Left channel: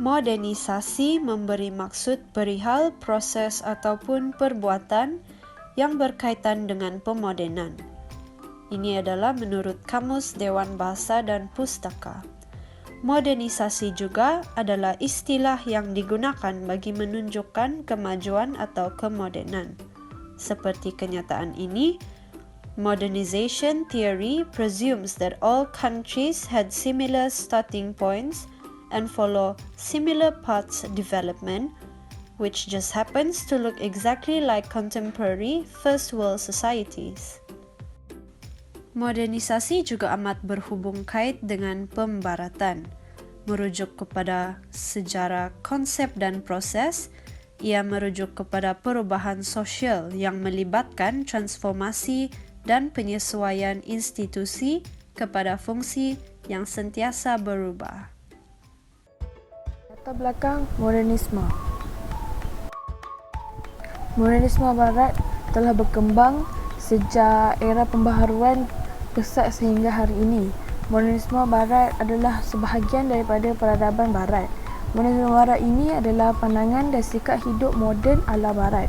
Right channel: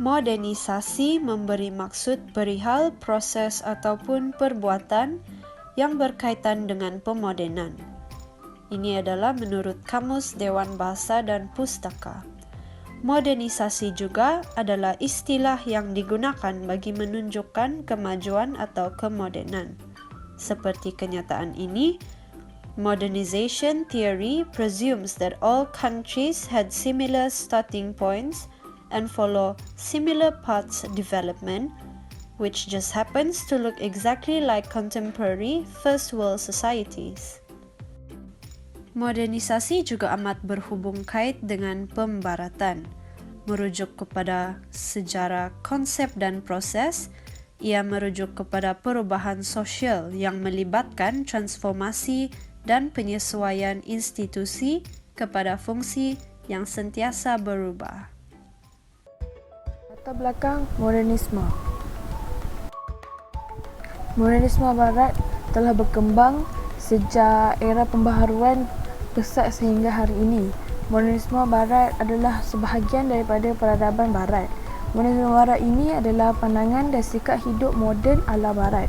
Modernisasi memberi maksud perihal proses ataupun perbuatan yang berkaitan dengan pemodenan. Ini adalah menurut Kamus Dewan Bahasa dan Pustaka. Modernisasi juga adalah istilah yang digunakan bagi menunjukkan kemajuan atau kemodenan. Seperti kenyataan ini, modernization theory presumes that all countries had similar starting points and follow similar paths development, which just happens to look exactly like contemporary first world societies. Modernisasi juga amat berhubung kait dengan pembaratan. Merujuk kepada sejarah konsep dan proses, ia merujuk kepada perubahan sosial yang melibatkan transformasi dan penyesuaian institusi kepada fungsi yang sentiasa berubah. Latar belakang modernisme. Modernisme Barat telah berkembang sejak era pembaharuan pesat sehingga hari ini. Modernisme Barat adalah sebahagian daripada peradaban Barat. Modernisme Barat ini adalah pandangan dan sikap hidup moden ala Barat.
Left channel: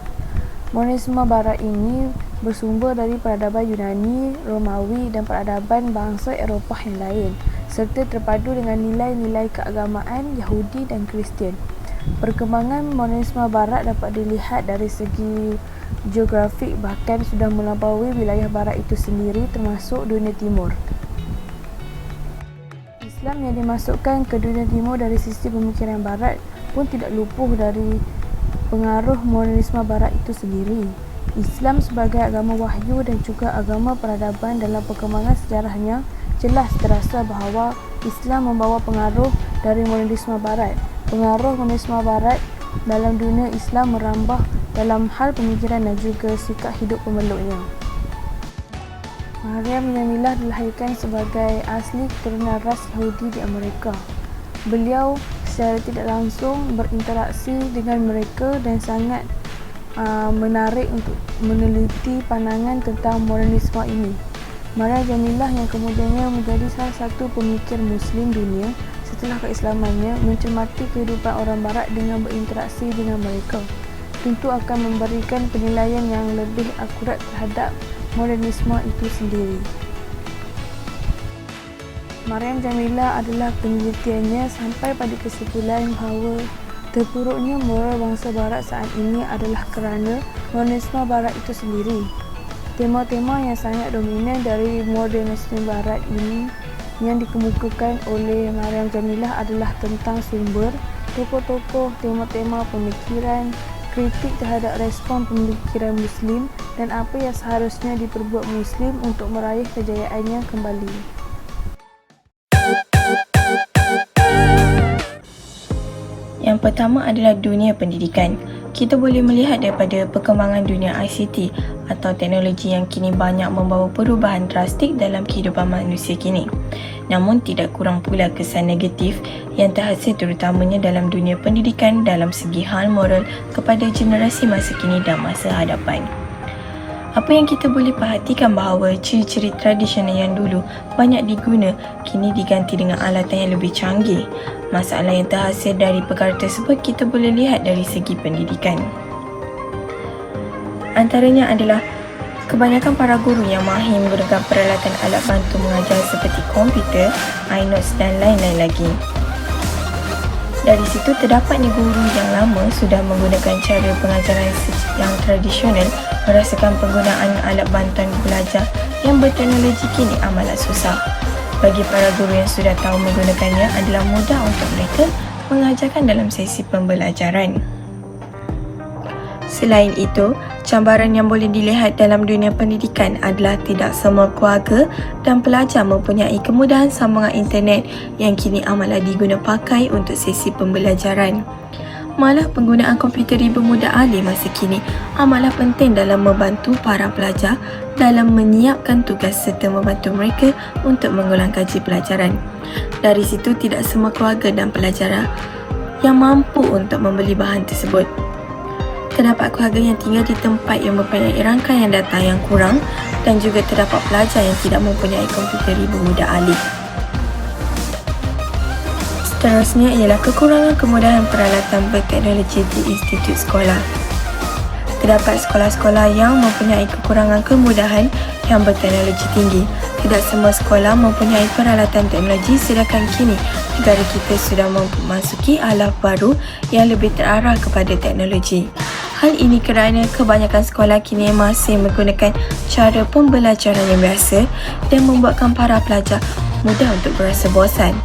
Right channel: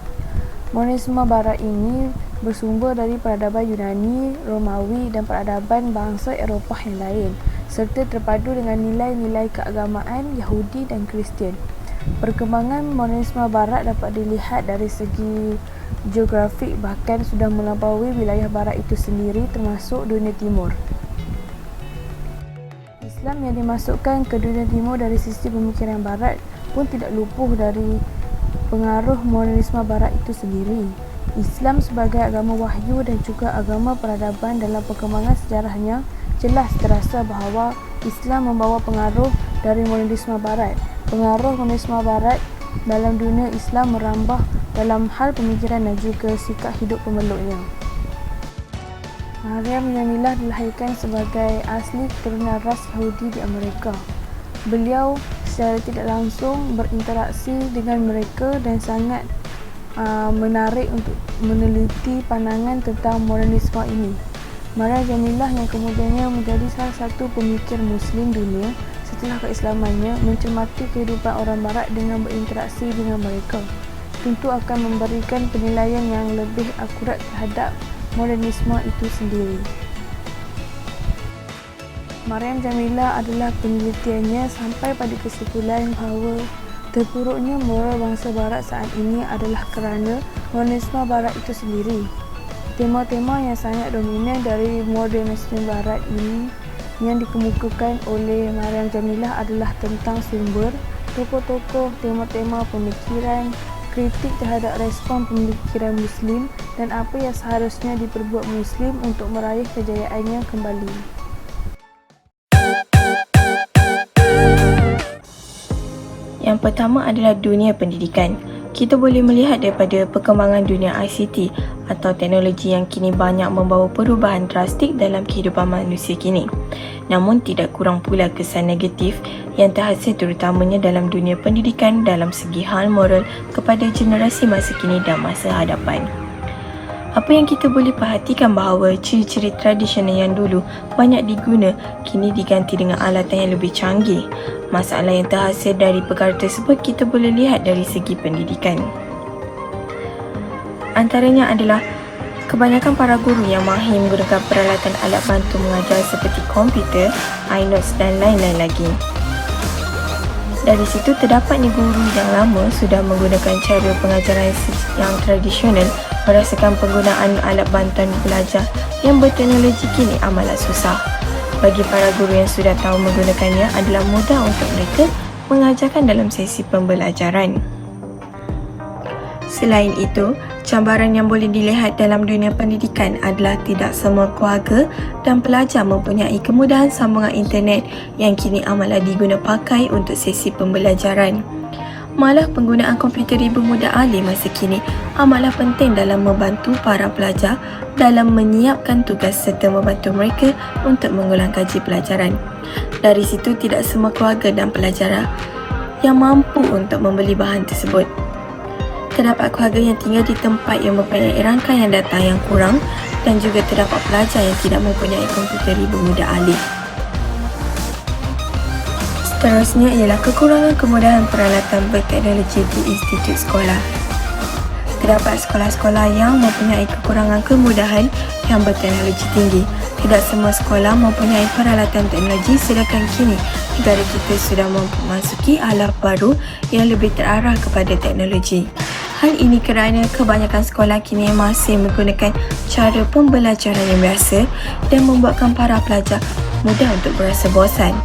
Modernisme Barat ini bersumber dari peradaban Yunani, Romawi dan peradaban bangsa Eropah yang lain, serta terpadu dengan nilai-nilai keagamaan Yahudi dan Kristian. Perkembangan modernisme Barat dapat dilihat dari segi geografik, bahkan sudah melampaui wilayah Barat itu sendiri termasuk dunia timur. Islam yang dimasukkan ke dunia timur dari sisi pemikiran Barat pun tidak luput dari pengaruh modernisme Barat itu sendiri. Islam sebagai agama wahyu dan juga agama peradaban dalam perkembangan sejarahnya jelas terasa bahawa Islam membawa pengaruh dari modernisme Barat. Pengaruh modernisme Barat dalam dunia Islam merambah dalam hal pemikiran dan juga sikap hidup pemeluknya. Maryam Jamilah dilahirkan sebagai asli keturunan ras Yahudi di Amerika. Beliau secara tidak langsung berinteraksi dengan mereka dan sangat menarik untuk meneliti pandangan tentang modernisme ini. Maryam Jamilah yang kemudiannya menjadi salah satu pemikir Muslim dunia setelah keislamannya mencermati kehidupan orang Barat dengan berinteraksi dengan mereka, tentu akan memberikan penilaian yang lebih akurat terhadap modernisme itu sendiri. Maryam Jamilah adalah penelitiannya sampai pada kesimpulan bahawa terpuruknya moral bangsa Barat saat ini adalah kerana modernisme Barat itu sendiri. Tema-tema yang sangat dominan dari modernisme Barat ini yang dikemukakan oleh Maryam Jamilah adalah tentang sumber, tokoh-tokoh, tema-tema pemikiran, kritik terhadap respon pemikiran Muslim dan apa yang seharusnya diperbuat Muslim untuk meraih kejayaannya kembali. Yang pertama adalah dunia pendidikan. Kita boleh melihat daripada perkembangan dunia ICT atau teknologi yang kini banyak membawa perubahan drastik dalam kehidupan manusia kini. Namun tidak kurang pula kesan negatif yang terhasil terutamanya dalam dunia pendidikan dalam segi hal moral kepada generasi masa kini dan masa hadapan. Apa yang kita boleh perhatikan bahawa ciri-ciri tradisional yang dulu banyak diguna kini diganti dengan alatan yang lebih canggih. Masalah yang terhasil dari perkara tersebut kita boleh lihat dari segi pendidikan. Antaranya adalah kebanyakan para guru yang mahir menggunakan peralatan alat bantu mengajar seperti komputer, iNotes dan lain-lain lagi. Dari situ terdapat guru yang lama sudah menggunakan cara pengajaran yang tradisional merasakan penggunaan alat bantuan belajar yang berteknologi kini amatlah susah. Bagi para guru yang sudah tahu menggunakannya adalah mudah untuk mereka mengajarkan dalam sesi pembelajaran. Selain itu, cabaran yang boleh dilihat dalam dunia pendidikan adalah tidak semua keluarga dan pelajar mempunyai kemudahan sambungan internet yang kini amatlah diguna pakai untuk sesi pembelajaran. Malah penggunaan komputer ibu muda alih masa kini amatlah penting dalam membantu para pelajar dalam menyiapkan tugas serta membantu mereka untuk mengulang kaji pelajaran. Dari situ tidak semua keluarga dan pelajar yang mampu untuk membeli bahan tersebut. Terdapat keluarga yang tinggal di tempat yang mempunyai rangkaian data yang kurang dan juga terdapat pelajar yang tidak mempunyai komputer ibu muda alih. Seterusnya ialah kekurangan kemudahan peralatan berteknologi di institut sekolah. Terdapat sekolah-sekolah yang mempunyai kekurangan kemudahan yang berteknologi tinggi. Tidak semua sekolah mempunyai peralatan teknologi, sedangkan kini negara kita sudah memasuki alaf baru yang lebih terarah kepada teknologi. Hal ini kerana kebanyakan sekolah kini masih menggunakan cara pembelajaran yang biasa dan membuatkan para pelajar mudah untuk berasa bosan.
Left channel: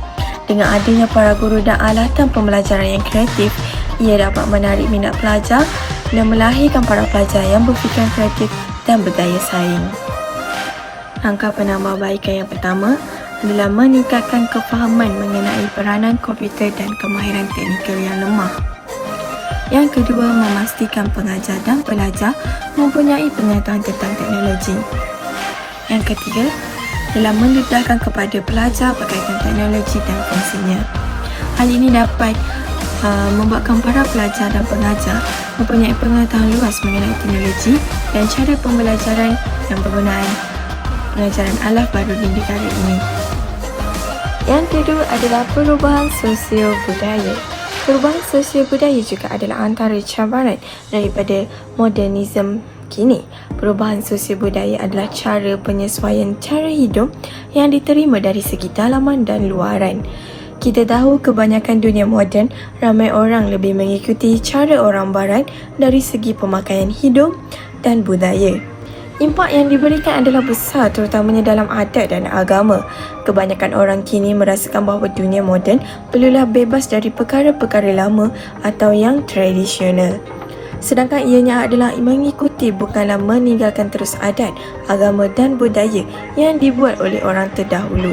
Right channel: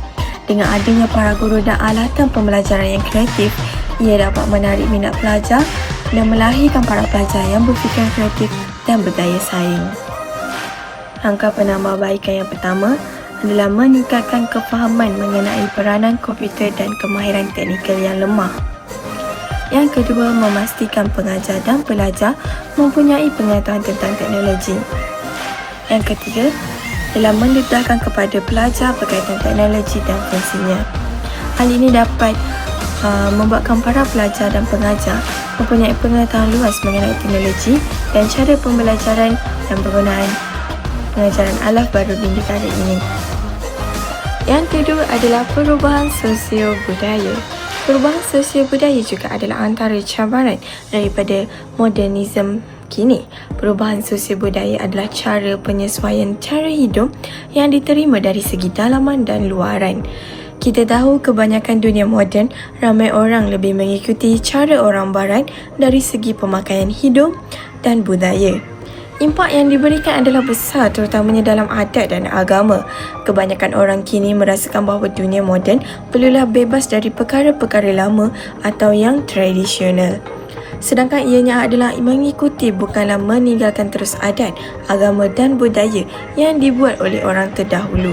Dengan adanya para guru dan alatan pembelajaran yang kreatif, ia dapat menarik minat pelajar dan melahirkan para pelajar yang berfikiran kreatif dan berdaya saing. Langkah penambahbaikan yang pertama adalah meningkatkan kefahaman mengenai peranan komputer dan kemahiran teknikal yang lemah. Yang kedua, memastikan pengajar dan pelajar mempunyai pengetahuan tentang teknologi. Yang ketiga adalah mendedahkan kepada pelajar berkaitan teknologi dan fungsinya. Hal ini dapat membuatkan para pelajar dan pengajar mempunyai pengetahuan luas mengenai teknologi dan cara pembelajaran dan penggunaan pengajaran alaf baru di negara ini. Yang kedua adalah perubahan sosial budaya. Perubahan sosial budaya juga adalah antara cabaran daripada modernisme kini. Perubahan sosial budaya adalah cara penyesuaian cara hidup yang diterima dari segi dalaman dan luaran. Kita tahu kebanyakan dunia moden, ramai orang lebih mengikuti cara orang barat dari segi pemakaian hidup dan budaya. Impak yang diberikan adalah besar, terutamanya dalam adat dan agama. Kebanyakan orang kini merasakan bahawa dunia moden perlulah bebas dari perkara-perkara lama atau yang tradisional. Sedangkan ianya adalah mengikuti, bukanlah meninggalkan terus adat, agama dan budaya yang dibuat oleh orang terdahulu.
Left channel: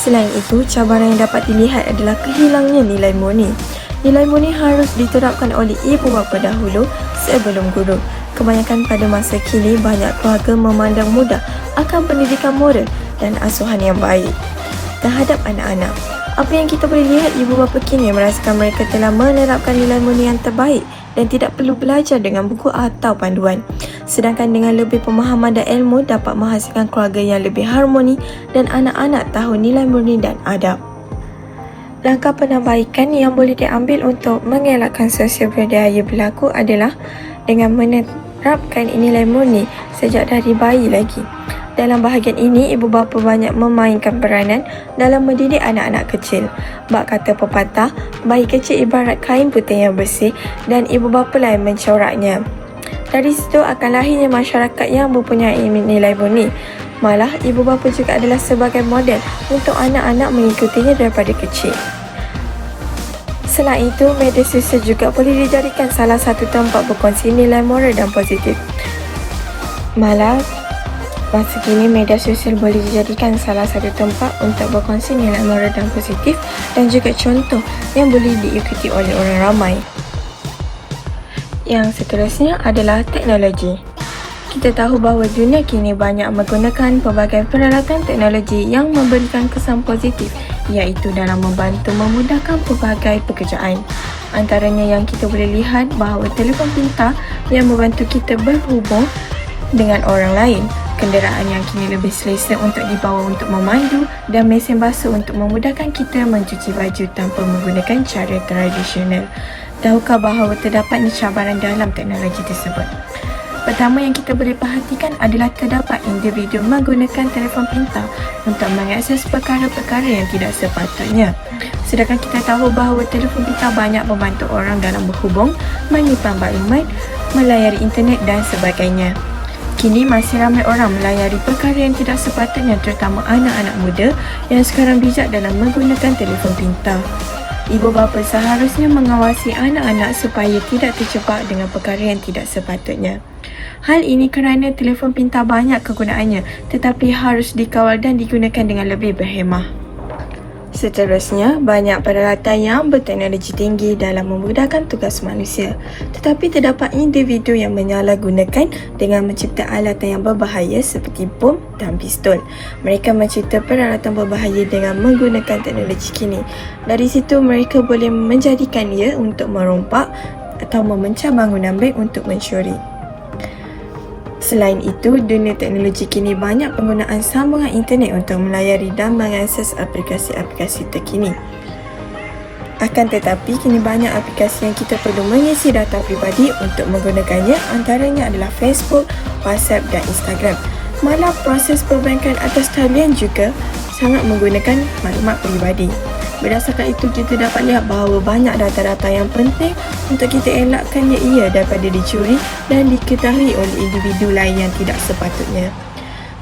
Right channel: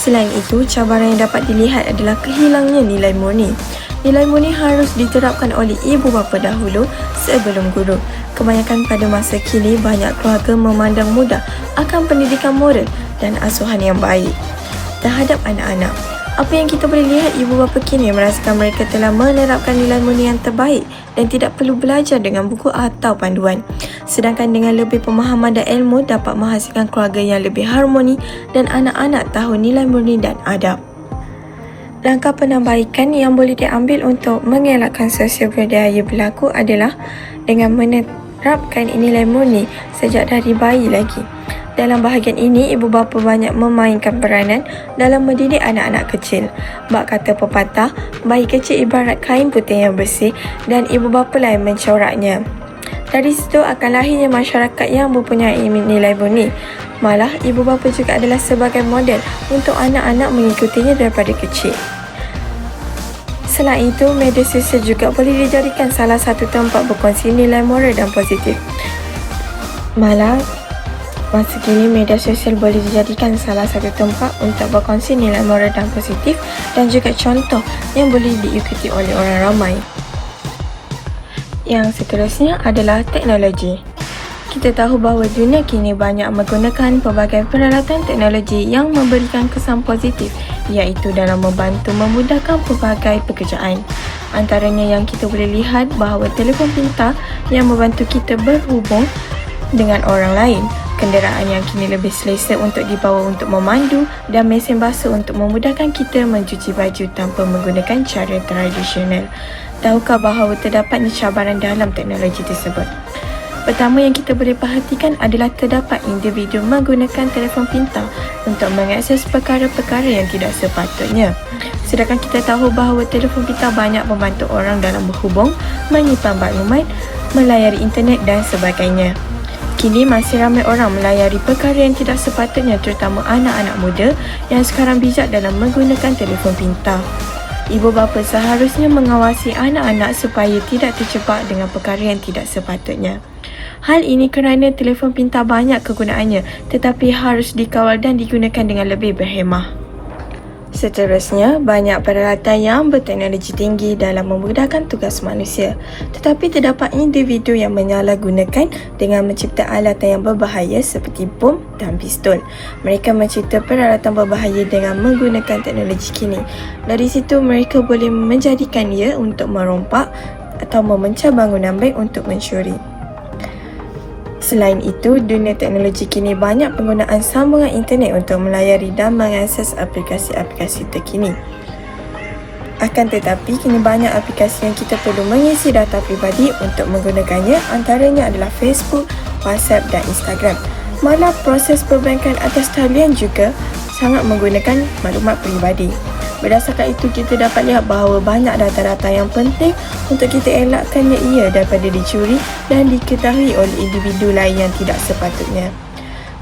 Selain itu, cabaran yang dapat dilihat adalah kehilangnya nilai murni. Nilai murni harus diterapkan oleh ibu bapa dahulu sebelum guru. Kebanyakan pada masa kini, banyak keluarga memandang mudah akan pendidikan moral dan asuhan yang baik terhadap anak-anak. Apa yang kita boleh lihat, ibu bapa kini merasakan mereka telah menerapkan nilai murni yang terbaik dan tidak perlu belajar dengan buku atau panduan. Sedangkan dengan lebih pemahaman dan ilmu dapat menghasilkan keluarga yang lebih harmoni dan anak-anak tahu nilai murni dan adab. Langkah penambahbaikan yang boleh diambil untuk mengelakkan sosial budaya berlaku adalah dengan menerapkan nilai murni sejak dari bayi lagi. Dalam bahagian ini, ibu bapa banyak memainkan peranan dalam mendidik anak-anak kecil. Bak kata pepatah, bayi kecil ibarat kain putih yang bersih dan ibu bapa lain mencoraknya. Dari situ akan lahirnya masyarakat yang mempunyai nilai murni. Malah, ibu bapa juga adalah sebagai model untuk anak-anak mengikutinya daripada kecil. Selain itu, media sosial juga boleh dijadikan salah satu tempat berkongsi nilai moral dan positif. Malah, masa kini media sosial boleh dijadikan salah satu tempat untuk berkongsi nilai moral dan positif dan juga contoh yang boleh diikuti oleh orang ramai. Yang seterusnya adalah teknologi. Kita tahu bahawa dunia kini banyak menggunakan pelbagai peralatan teknologi yang memberikan kesan positif, iaitu dalam membantu memudahkan pelbagai pekerjaan. Antaranya yang kita boleh lihat bahawa telefon pintar yang membantu kita berhubung dengan orang lain, kenderaan yang kini lebih selesa untuk dibawa untuk memandu, dan mesin basuh untuk memudahkan kita mencuci baju tanpa menggunakan cara tradisional. Tahukah bahawa terdapatnya cabaran dalam teknologi tersebut? Pertama yang kita boleh perhatikan adalah terdapat individu menggunakan telefon pintar untuk mengakses perkara-perkara yang tidak sepatutnya. Sedangkan kita tahu bahawa telefon pintar banyak membantu orang dalam berhubung, menyimpan maklumat, melayari internet dan sebagainya. Kini masih ramai orang melayari perkara yang tidak sepatutnya, terutama anak-anak muda yang sekarang bijak dalam menggunakan telefon pintar. Ibu bapa seharusnya mengawasi anak-anak supaya tidak terjebak dengan perkara yang tidak sepatutnya. Hal ini kerana telefon pintar banyak kegunaannya, tetapi harus dikawal dan digunakan dengan lebih berhemah. Seterusnya, banyak peralatan yang berteknologi tinggi dalam memudahkan tugas manusia. Tetapi terdapat individu yang menyalahgunakan dengan mencipta alatan yang berbahaya seperti bom dan pistol. Mereka mencipta peralatan berbahaya dengan menggunakan teknologi kini. Dari situ, mereka boleh menjadikan ia untuk merompak atau memecah bangunan baik untuk mencuri. Selain itu, dunia teknologi kini banyak penggunaan sambungan internet untuk melayari dan mengakses aplikasi-aplikasi terkini. Akan tetapi, kini banyak aplikasi yang kita perlu mengisi data pribadi untuk menggunakannya, antaranya adalah Facebook, WhatsApp dan Instagram. Malah proses perbankan atas talian juga sangat menggunakan maklumat peribadi. Berdasarkan itu, kita dapat lihat bahawa banyak data-data yang penting untuk kita elakkannya ia daripada dicuri dan diketahui oleh individu lain yang tidak sepatutnya.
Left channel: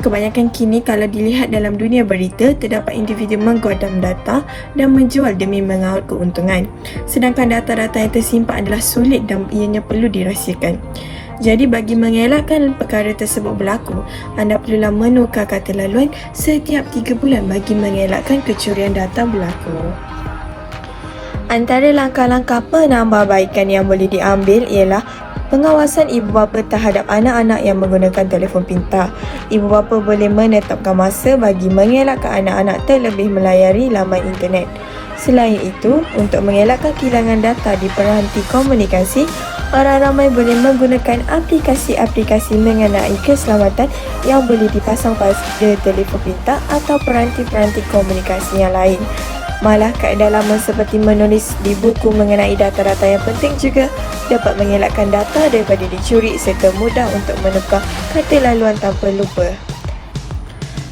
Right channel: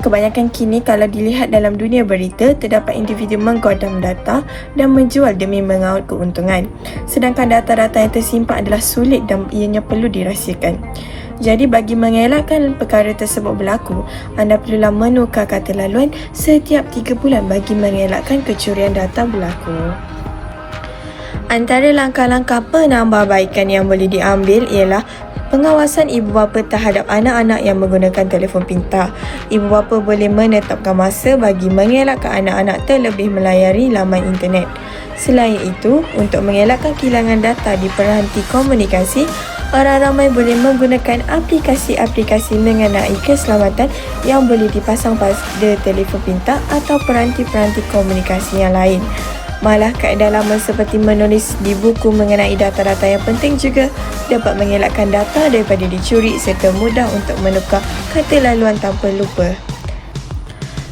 Kebanyakan kini kalau dilihat dalam dunia berita, terdapat individu menggodam data dan menjual demi mengawal keuntungan. Sedangkan data-data yang tersimpan adalah sulit dan ianya perlu dirahsiakan. Jadi bagi mengelakkan perkara tersebut berlaku, anda perlulah menukar kata laluan setiap 3 bulan bagi mengelakkan kecurian data berlaku. Antara langkah-langkah penambahbaikan yang boleh diambil ialah pengawasan ibu bapa terhadap anak-anak yang menggunakan telefon pintar. Ibu bapa boleh menetapkan masa bagi mengelakkan anak-anak terlebih melayari laman internet. Selain itu, untuk mengelakkan kehilangan data di peranti komunikasi, orang ramai boleh menggunakan aplikasi-aplikasi mengenai keselamatan yang boleh dipasang pada telefon pintar atau peranti-peranti komunikasi yang lain. Malah kaedah lama seperti menulis di buku mengenai data-data yang penting juga dapat mengelakkan data daripada dicuri serta mudah untuk menukar kata laluan tanpa lupa.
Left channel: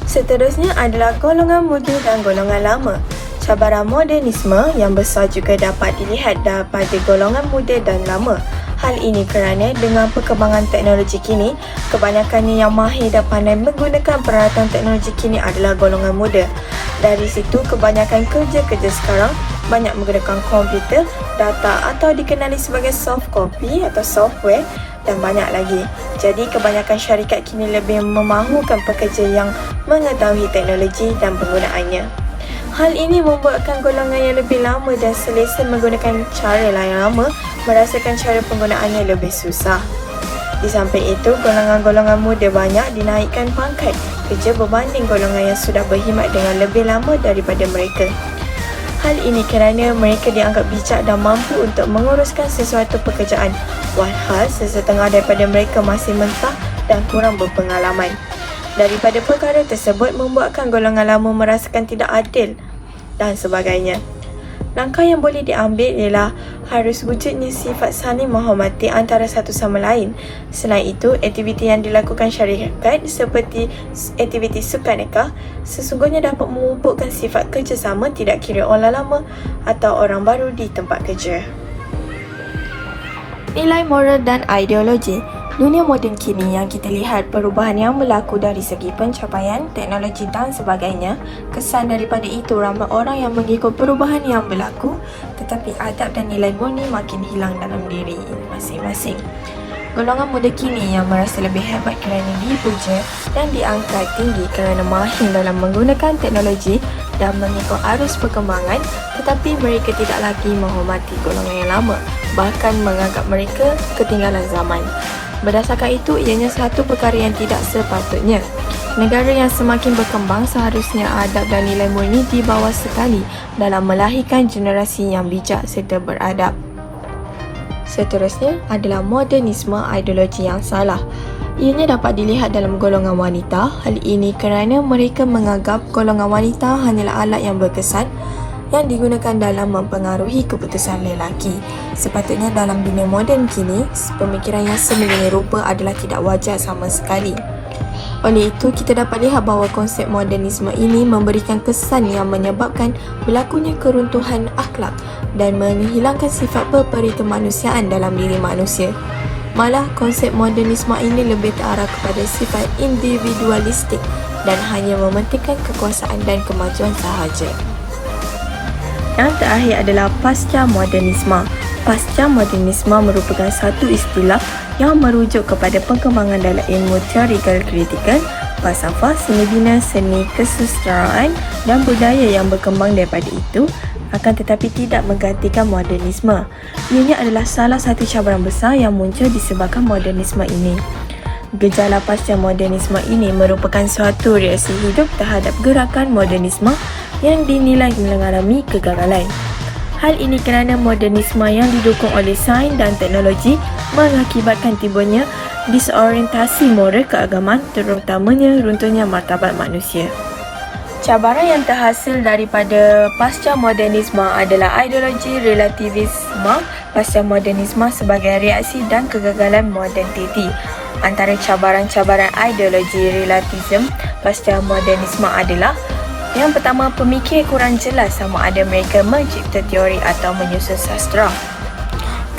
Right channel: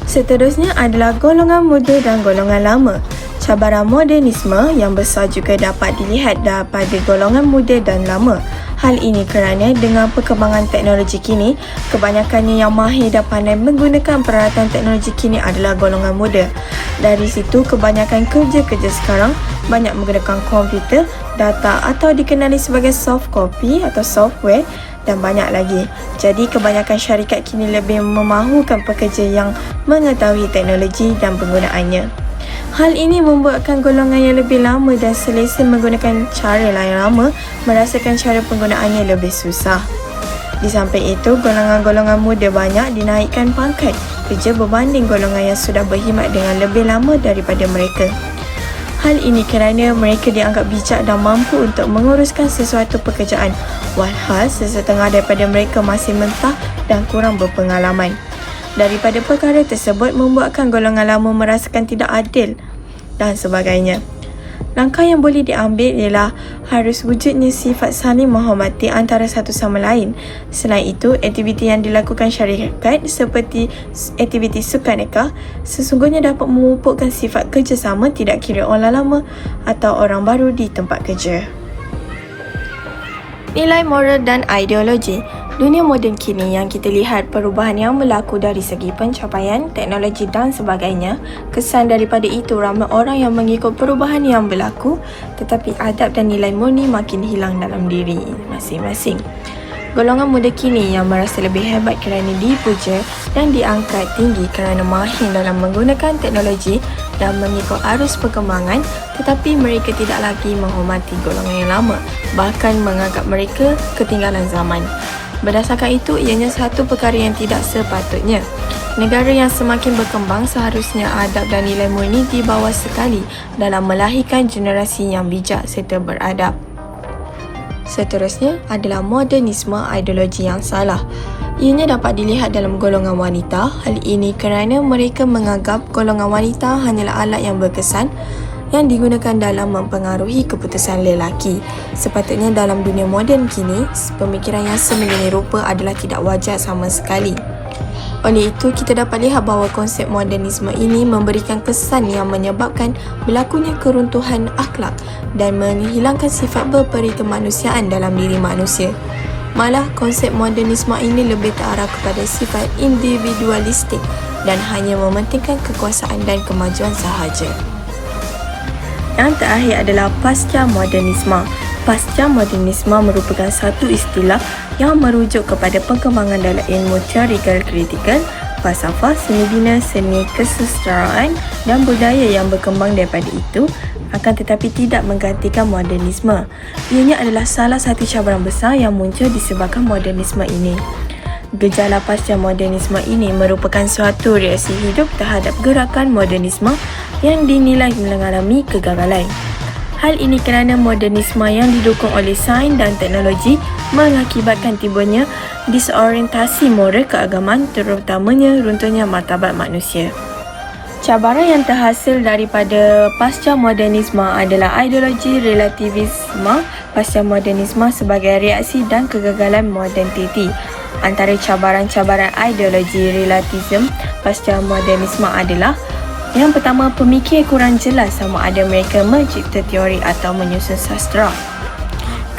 Seterusnya adalah golongan muda dan golongan lama. Cabaran modernisme yang besar juga dapat dilihat daripada golongan muda dan lama. Hal ini kerana dengan perkembangan teknologi kini, kebanyakan yang mahir dan pandai menggunakan peralatan teknologi kini adalah golongan muda. Dari situ, kebanyakan kerja-kerja sekarang banyak menggunakan komputer, data atau dikenali sebagai soft copy atau software dan banyak lagi. Jadi, kebanyakan syarikat kini lebih memahukan pekerja yang mengetahui teknologi dan penggunaannya. Hal ini membuatkan golongan yang lebih lama dan selesa menggunakan cara yang lama merasakan cara penggunaannya lebih susah. Di samping itu, golongan-golongan muda banyak dinaikkan pangkat kerja berbanding golongan yang sudah berkhidmat dengan lebih lama daripada mereka. Hal ini kerana mereka dianggap bijak dan mampu untuk menguruskan sesuatu pekerjaan, walhal sesetengah daripada mereka masih mentah dan kurang berpengalaman. Daripada perkara tersebut membuatkan golongan lama merasakan tidak adil dan sebagainya. Langkah yang boleh diambil ialah harus wujudnya sifat saling menghormati antara satu sama lain. Selain itu, aktiviti yang dilakukan syarikat seperti aktiviti sukaneka sesungguhnya dapat memupukkan sifat kerjasama tidak kira orang lama atau orang baru di tempat kerja. Nilai moral dan ideologi. Dunia moden kini yang kita lihat perubahan yang berlaku dari segi pencapaian, teknologi dan sebagainya. Kesan daripada itu ramai orang yang mengikut perubahan yang berlaku, tetapi adab dan nilai murni makin hilang dalam diri masing-masing. Golongan muda kini yang merasa lebih hebat kerana dipuja dan diangkat tinggi kerana mahir dalam menggunakan teknologi dan mengikut arus perkembangan, tetapi mereka tidak lagi menghormati golongan yang lama, bahkan menganggap mereka ketinggalan zaman. Berdasarkan itu, ianya satu perkara yang tidak sepatutnya. Negara yang semakin berkembang seharusnya adab dan nilai murni dibawa sekali dalam melahirkan generasi yang bijak serta beradab. Seterusnya adalah modernisme ideologi yang salah. Ianya dapat dilihat dalam golongan wanita. Hal ini kerana mereka menganggap golongan wanita hanyalah alat yang berkesan yang digunakan dalam mempengaruhi keputusan lelaki. Sepatutnya dalam dunia moden kini, pemikiran yang semulanya rupa adalah tidak wajar sama sekali. Oleh itu, kita dapat lihat bahawa konsep modernisme ini memberikan kesan yang menyebabkan berlakunya keruntuhan akhlak dan menghilangkan sifat berperikemanusiaan dalam diri manusia. Malah, konsep modernisme ini lebih terarah kepada sifat individualistik dan hanya mementingkan kekuasaan dan kemajuan sahaja. Yang terakhir adalah pasca modernisme. Pasca modernisme merupakan satu istilah yang merujuk kepada perkembangan dalam ilmu teorikal kritikal, falsafah, seni bina, seni kesusastraan dan budaya yang berkembang daripada itu, akan tetapi tidak menggantikan modernisme. Ianya adalah salah satu cabaran besar yang muncul disebabkan modernisme ini. Gejala pasca modernisme ini merupakan suatu reaksi hidup terhadap gerakan modernisme yang dinilai mengalami kegagalan. Hal ini kerana modernisme yang didukung oleh sains dan teknologi mengakibatkan timbulnya disorientasi moral keagamaan, terutamanya runtuhnya martabat manusia. Cabaran yang terhasil daripada pasca modernisme adalah ideologi relativisme pasca modernisme sebagai reaksi dan kegagalan moderniti. Antara cabaran-cabaran ideologi relativisme pasca modernisme adalah: yang pertama, pemikir kurang jelas sama ada mereka mencipta teori atau menyusun sastra.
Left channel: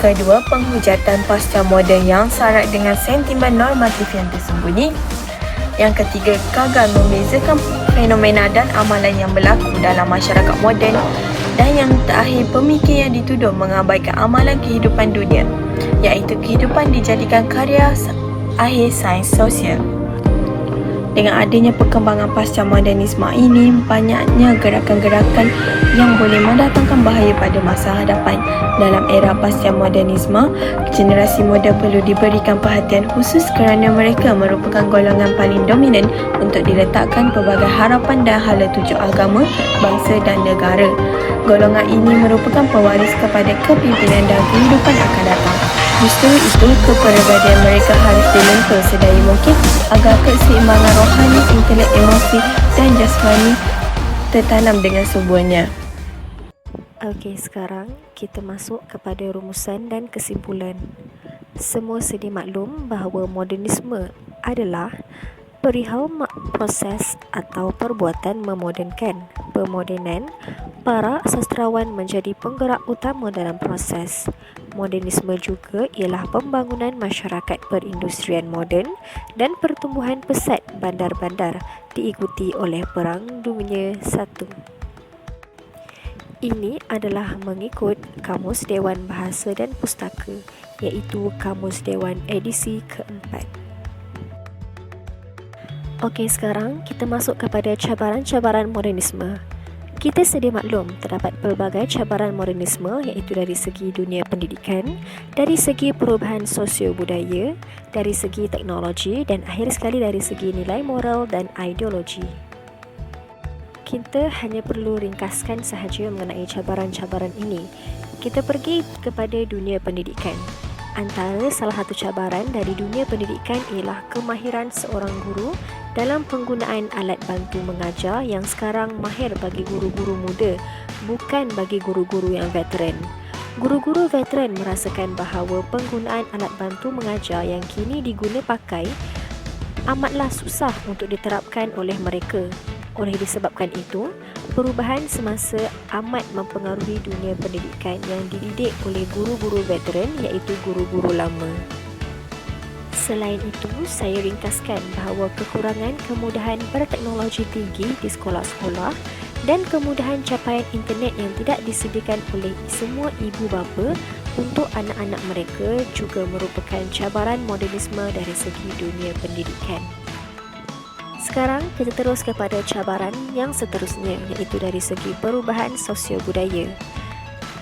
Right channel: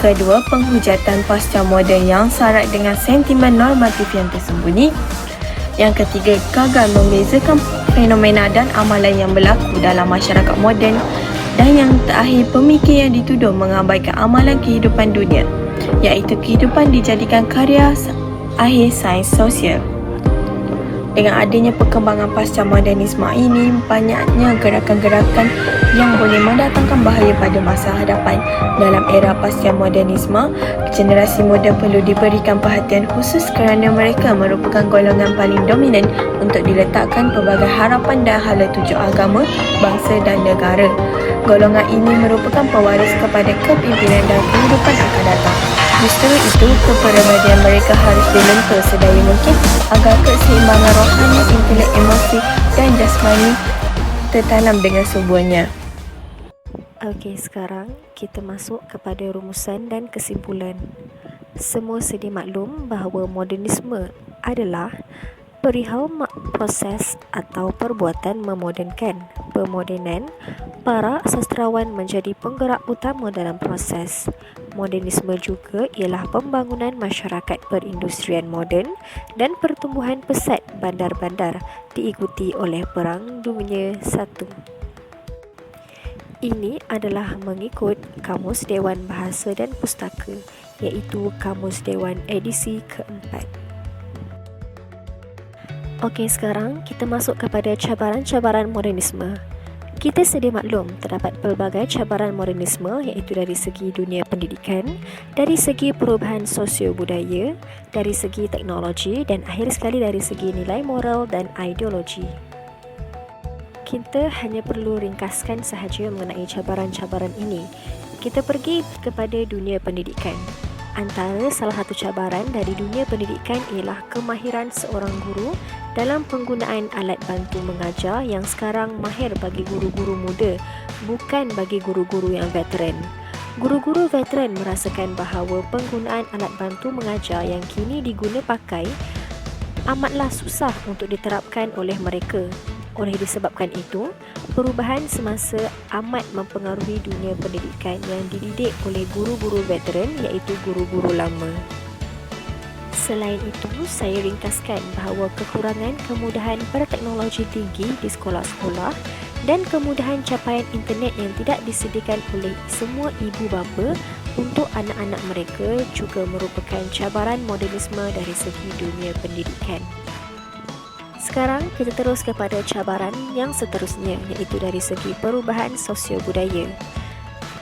Kedua, penghujatan pasca moden yang syarat dengan sentimen normatif yang tersembunyi. Yang ketiga, gagal membezakan fenomena dan amalan yang berlaku dalam masyarakat moden. Dan yang terakhir, pemikir yang dituduh mengabaikan amalan kehidupan dunia, iaitu kehidupan dijadikan karya akhir sains sosial. Dengan adanya perkembangan pasca modernisme ini, banyaknya gerakan-gerakan yang boleh mendatangkan bahaya pada masa hadapan. Dalam era pasca modernisme, generasi muda perlu diberikan perhatian khusus kerana mereka merupakan golongan paling dominan untuk diletakkan pelbagai harapan dan hala tuju agama, bangsa dan negara. Golongan ini merupakan pewaris kepada kepimpinan dan kehidupan akan datang. Sementara itu, pendidikan mereka harus dilakukan sedini mungkin agar keseimbangan rohani, intelek, emosi dan jasmani tertanam dengan semuanya. Okey, sekarang kita masuk kepada rumusan dan kesimpulan. Semua sedia maklum bahawa modernisme adalah perihal proses atau perbuatan memodernkan. Pemodenan, para sastrawan menjadi penggerak utama dalam proses. Modernisme juga ialah pembangunan masyarakat perindustrian moden dan pertumbuhan pesat bandar-bandar diikuti oleh Perang Dunia I. Ini adalah mengikut Kamus Dewan Bahasa dan Pustaka, iaitu Kamus Dewan edisi keempat. Okey, sekarang kita masuk kepada cabaran-cabaran modernisme. Kita sedia maklum terdapat pelbagai cabaran modernisme, iaitu dari segi dunia pendidikan, dari segi perubahan sosio-budaya, dari segi teknologi dan akhir sekali dari segi nilai moral dan ideologi. Kita hanya perlu ringkaskan sahaja mengenai cabaran-cabaran ini. Kita pergi kepada dunia pendidikan. Antara salah satu cabaran dari dunia pendidikan ialah kemahiran seorang guru dalam penggunaan alat bantu mengajar yang sekarang mahir bagi guru-guru muda, bukan bagi guru-guru yang veteran. Guru-guru veteran merasakan bahawa penggunaan alat bantu mengajar yang kini diguna pakai amatlah susah untuk diterapkan oleh mereka. Oleh disebabkan itu, perubahan semasa amat mempengaruhi dunia pendidikan yang dididik oleh guru-guru veteran, iaitu guru-guru lama. Selain itu, saya ringkaskan bahawa kekurangan kemudahan berteknologi tinggi di sekolah-sekolah dan kemudahan capaian internet yang tidak disediakan oleh semua ibu bapa untuk anak-anak mereka juga merupakan cabaran modernisme dari segi dunia pendidikan. Sekarang kita terus kepada cabaran yang seterusnya, iaitu dari segi perubahan sosio-budaya.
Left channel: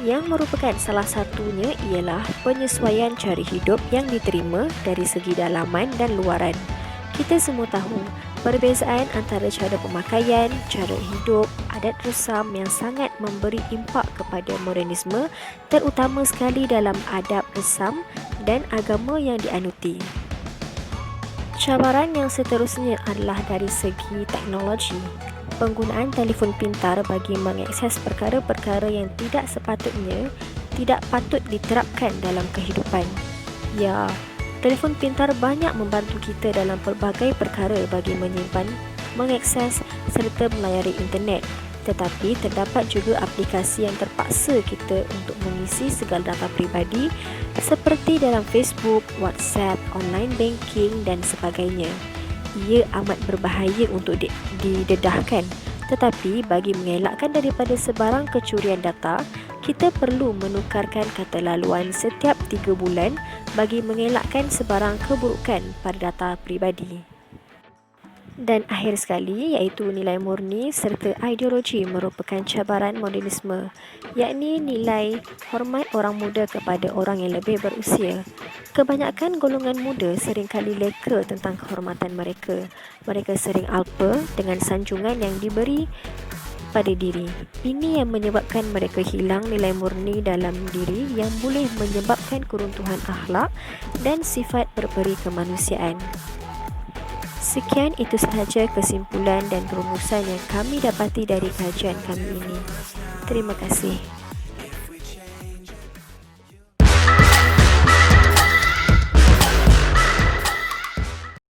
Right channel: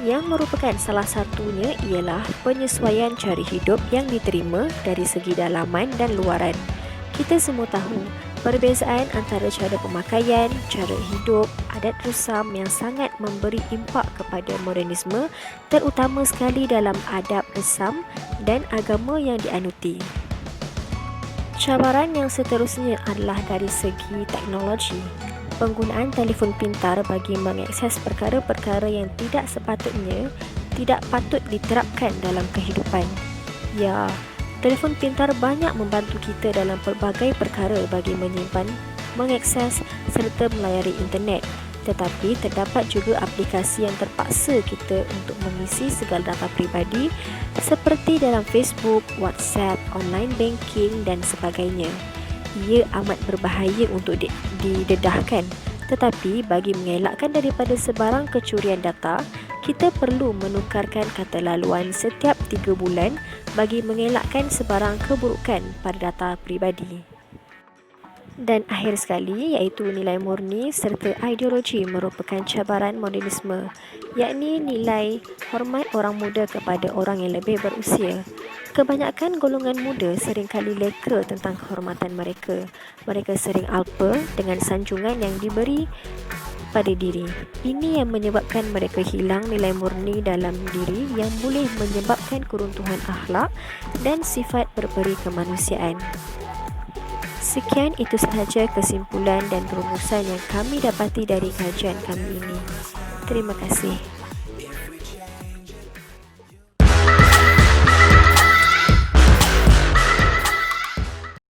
Yang merupakan salah satunya ialah penyesuaian cara hidup yang diterima dari segi dalaman dan luaran. Kita semua tahu perbezaan antara cara pemakaian, cara hidup, adat rusam yang sangat memberi impak kepada modernisme, terutama sekali dalam adab resam dan agama yang dianuti. Cabaran yang seterusnya adalah dari segi teknologi. Penggunaan telefon pintar bagi mengakses perkara-perkara yang tidak sepatutnya tidak patut diterapkan dalam kehidupan. Ya, telefon pintar banyak membantu kita dalam pelbagai perkara bagi menyimpan, mengakses serta melayari internet. Tetapi terdapat juga aplikasi yang terpaksa kita untuk mengisi segala data peribadi seperti dalam Facebook, WhatsApp, online banking dan sebagainya. Ia amat berbahaya untuk didedahkan. Tetapi bagi mengelakkan daripada sebarang kecurian data, kita perlu menukarkan kata laluan setiap 3 bulan bagi mengelakkan sebarang keburukan pada data peribadi. Dan akhir sekali, iaitu nilai murni serta ideologi merupakan cabaran modernisme, yakni nilai hormat orang muda kepada orang yang lebih berusia. Kebanyakan golongan muda seringkali leka tentang kehormatan mereka. Mereka sering alpa dengan sanjungan yang diberi pada diri. Ini yang menyebabkan mereka hilang nilai murni dalam diri yang boleh menyebabkan keruntuhan akhlak dan sifat berperi kemanusiaan. Sekian itu sahaja kesimpulan dan perumusan yang kami dapati dari kajian kami ini. Terima kasih.